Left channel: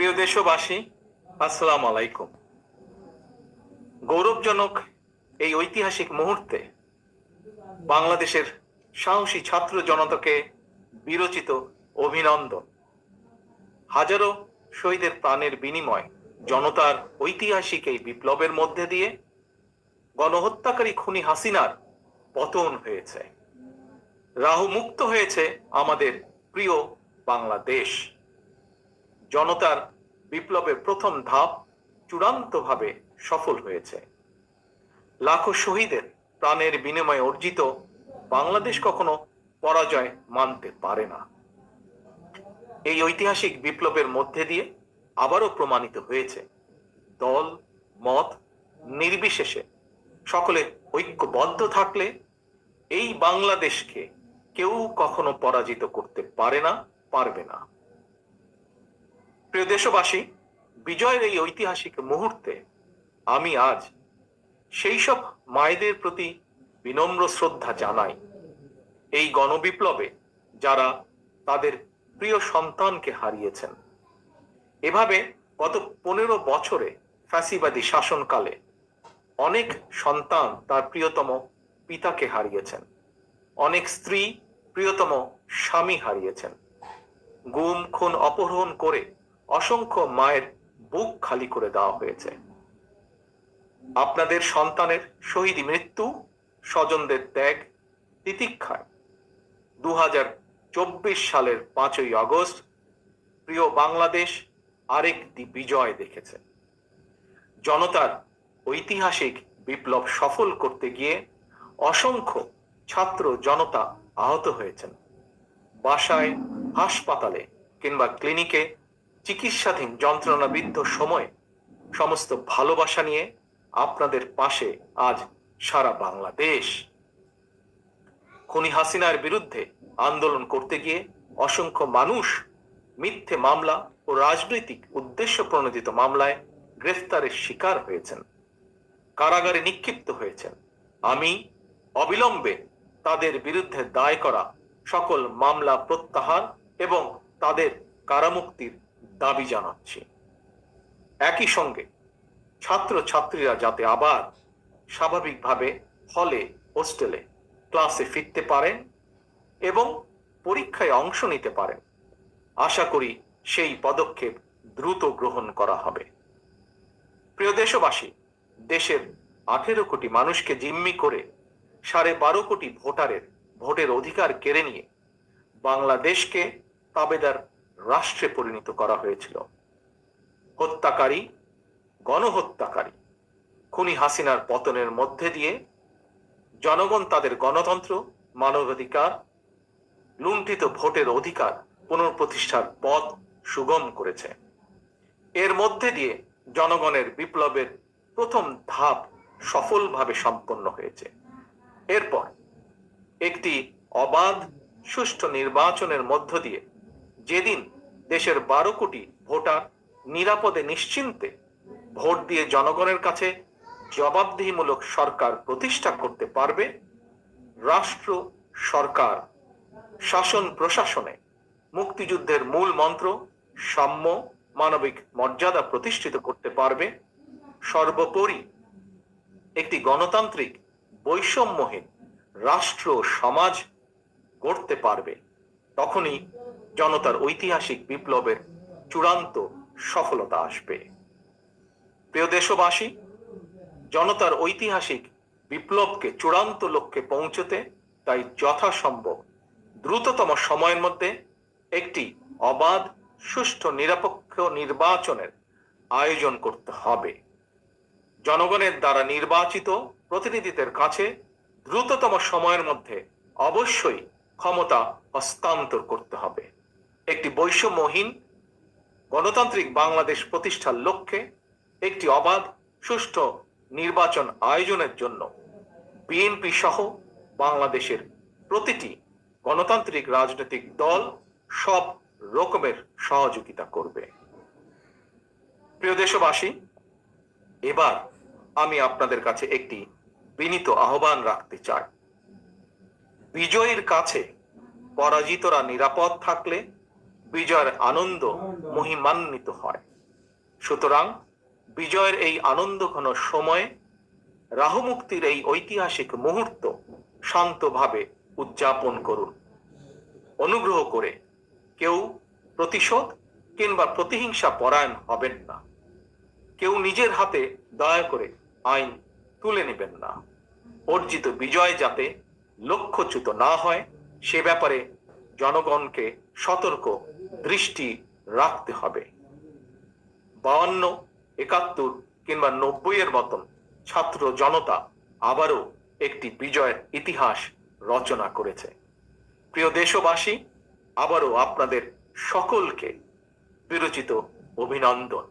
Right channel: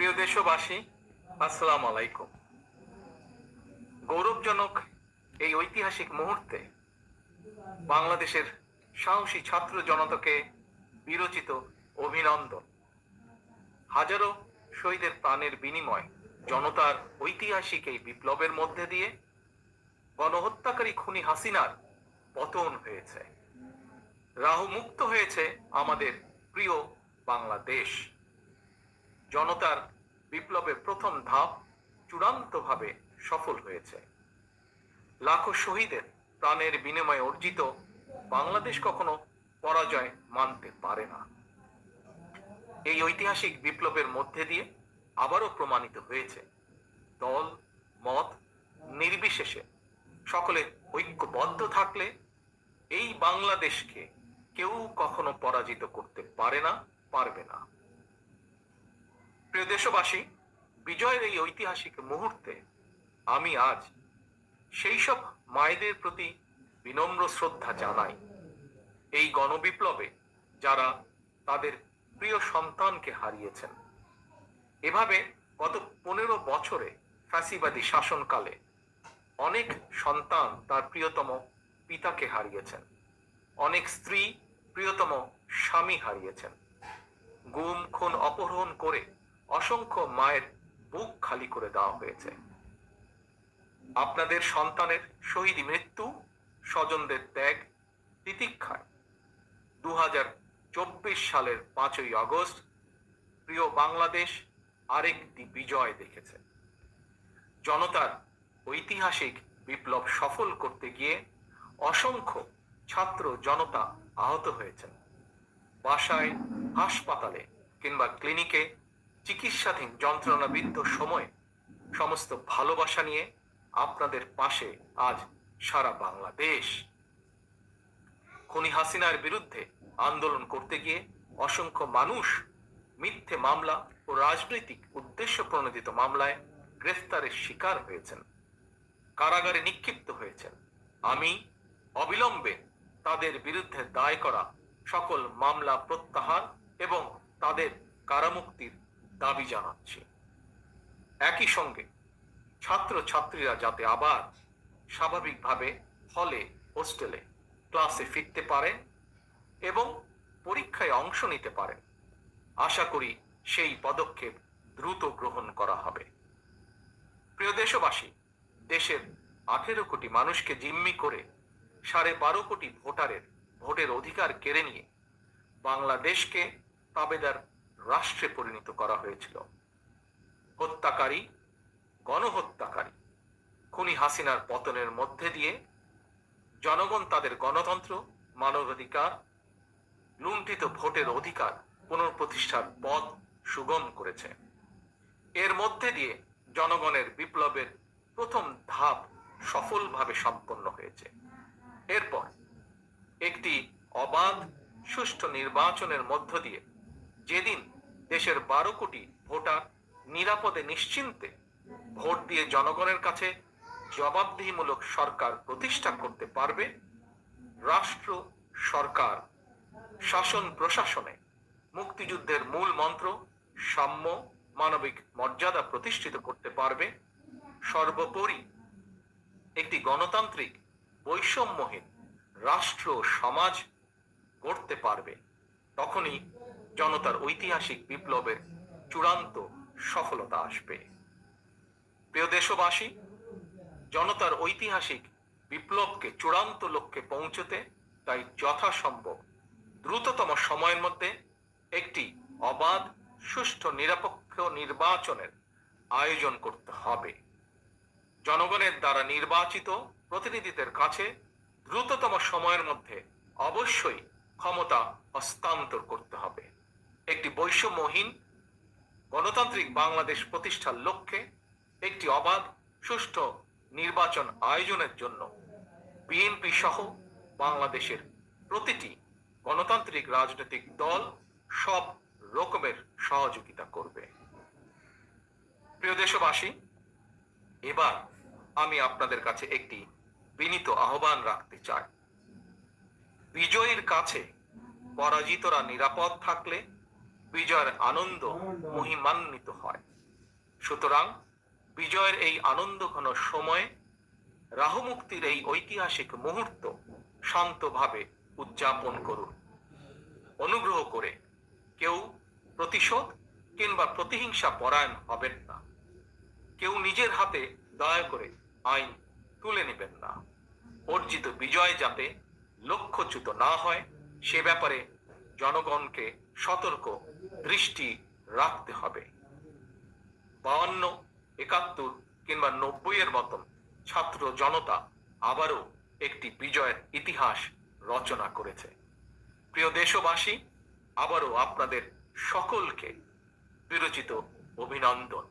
প্রিয় দেশবাসী, আসসালাম আলাইকুম। গৌরবজনক এই ঐতিহাসিক মুহূর্তে বাংলাদেশের সাহসী ছাত্র জনতাকে বিরচিত অভিনন্দন। হাজারো শহীদের প্রাণের বিনিময় জনতার ঐতিহাসিক এই বিপ্লবের মধ্যে দিয়ে গণহত্যাকারী খুনি হাসিনার পতন হয়েছে। রাহু মুক্ত হয়েছে আমাদের প্রিয় বাংলাদেশ। জনতার বিপ্লবের প্রথম ধাপ চূড়ান্তভাবে সফল হয়েছে। লাখো শহীদের প্রাণের বিনিময়ে অর্জিত বাংলাদেশ কখনো পরাজয় মানতে পারে না। এই ঐতিহাসিক বিপ্লবের মধ্যে দিয়ে আবারও প্রমাণিত হয়েছে দল মত নির্বিশেষে সকলে ঐক্যবদ্ধ থাকলে এই বাংলাদেশকে কেউ কখনো পরাজিত করতে পারে না, পারবে না। প্রিয় দেশবাসী, বিজয়ের এই ঐতিহাসিক মুহূর্তে আমি আজ সেই সব মায়েদের প্রতি বিনম্র শ্রদ্ধা জানাই এই গণবিপ্লবে যারা তাদের প্রিয় সন্তানকে হারিয়েছেন। এভাবে গত 15 বছরে ফ্যাসিবাদী শাসনকালে অনেক সন্তান তার প্রিয়তম পিতাকে হারিয়েছেন, অনেক স্ত্রী প্রিয়তম স্বামী হারিয়েছেন, গুম খুন অপহরণ করে অসংখ্য মায়ের বুক খালি করে দেওয়া হয়েছে। আপনাদের সন্তানের শহীদ মৃত্যু, স্বজনদের ত্যাগ তিতিক্ষায় 2024 সালের 5ই আগস্ট প্রিয় বাংলাদেশ আরেকটি বিজয় দেখেছে। জনতার ঐতিহাসিক বিপ্লব সফল করতে গিয়ে অসংখ্য ছাত্র জনতা আহত হয়েছেন। বাসায়, হাসপাতালে কিংবা ক্লিনিকে চিকিৎসাধীন যন্ত্রণাবিদ্ধ সময়ে সমস্ত ভালোবাসা নিয়ে আপনাদের পাশে আজ সারা বাংলাদেশ। খুনি হাসিনার বিরুদ্ধে আন্দোলন করতে গিয়ে অসংখ্য মানুষ মিথ্যে মামলা ও রাজনৈতিক উদ্দেশ্য প্রণোদিত মামলায় গ্রেফতারের শিকার হয়েছেন, কারাগারে নিক্ষিপ্ত হয়েছেন। আমি অবিলম্বে তাদের বিরুদ্ধে দায় করা সকল মামলা প্রত্যাহার এবং তাদের কারামুক্তির দাবি জানাচ্ছি। একই সঙ্গে ছাত্র ছাত্রীরা যাতে আবার স্বাভাবিকভাবে হলে, হোস্টেলে, ক্লাসে ফিরতে পারেন এবং পরীক্ষায় অংশ নিতে পারেন, আশা করি সেই পদক্ষেপ দ্রুত গ্রহণ করা হবে। প্রিয় দেশবাসী, দেশের 18 কোটি মানুষকে জিম্মি করে 12.5 কোটি ভোটারের ভোটের অধিকার কেড়ে নিয়ে বাংলাদেশকে তাবেদার রাষ্ট্রে পরিণত করা হয়েছিল। হত্যাকারী, গণহত্যাকারী খুনি হাসিনার পতনের মধ্যে দিয়ে জনগণ তাদের গণতন্ত্র, মানবাধিকার, লুণ্ঠিত ভোটের অধিকার পুনঃপ্রতিষ্ঠার পথ সুগম করেছে। এর মধ্যে দিয়ে জনগণের বিপ্লবের প্রথম ধাপ সফলভাবে সম্পন্ন হয়েছে। এরপর একটি অবাধ সুষ্ঠু নির্বাচনের মধ্য দিয়ে যেদিন দেশের 12 কোটি ভোটার নিরাপদে নিশ্চিন্তে ভোট দিয়ে জনগণের কাছে জবাবদিহিমূলক সরকার প্রতিষ্ঠা করতে পারবে, রাষ্ট্র, সরকার, শাসন প্রশাসনে মুক্তিযুদ্ধের মূল মন্ত্র সাম্য, মানবিক মর্যাদা প্রতিষ্ঠিত করতে পারবে, সর্বোপরি একটি গণতান্ত্রিক বৈষম্যহীন রাষ্ট্র সমাজ গড়তে পারবে, তখনই জনতার ঐতিহাসিক বিপ্লবের চূড়ান্ত সফলতা আসবে। প্রিয় দেশবাসী, জনতার ঐতিহাসিক বিপ্লবকে চূড়ান্ত লক্ষ্যে পৌঁছতে তাই যথাসম্ভব দ্রুততম সময়ের মধ্যে একটি অবাধ, সুষ্ঠু, নিরপেক্ষ নির্বাচনের আয়োজন করতে হবে। জনগণের দ্বারা নির্বাচিত প্রতিনিধিদের কাছে দ্রুততম সময়ের মধ্যে অবশ্যই ক্ষমতা হস্তান্তর করতে হবে। একটি বৈষম্যহীন গণতান্ত্রিক বাংলাদেশ প্রতিষ্ঠার লক্ষ্যে একটি অবাধ, সুষ্ঠু নির্বাচন আয়োজনের জন্য বিএনপি সহ বাংলাদেশের প্রতিটি গণতান্ত্রিক রাজনৈতিক দল সব রকমের সহযোগিতা করবে। প্রিয় দেশবাসী, এবার আমি আপনাদের কাছে একটি বিনীত আহ্বান রাখতে চাই। বিজয়ীর কাছে পরাজিতরা নিরাপদ থাকলে বিজয়ের আনন্দ মহিমান্বিত হয়। সুতরাং বিজয়ের এই আনন্দঘন সময়ে রাহু মুক্তির এই ঐতিহাসিক মুহূর্ত শান্তভাবে উদযাপন করুন। অনুগ্রহ করে কেউ প্রতিশোধ কিংবা প্রতিহিংসা পরায়ণ হবেন না। কেউ নিজের হাতে দয়া করে আইন তুলে নেবেন না। অর্জিত বিজয় যাতে লক্ষ্যচ্যুত না হয় সে ব্যাপারে জনগণকে সতর্ক দৃষ্টি রাখতে হবে। 52, 71 কিংবা 90 এর মতন ছাত্র জনতা আবারও একটি বিজয়ের ইতিহাস রচনা করেছে। প্রিয় দেশবাসী, আবারও আপনাদের সকলকে বিরচিত অভিনন্দন।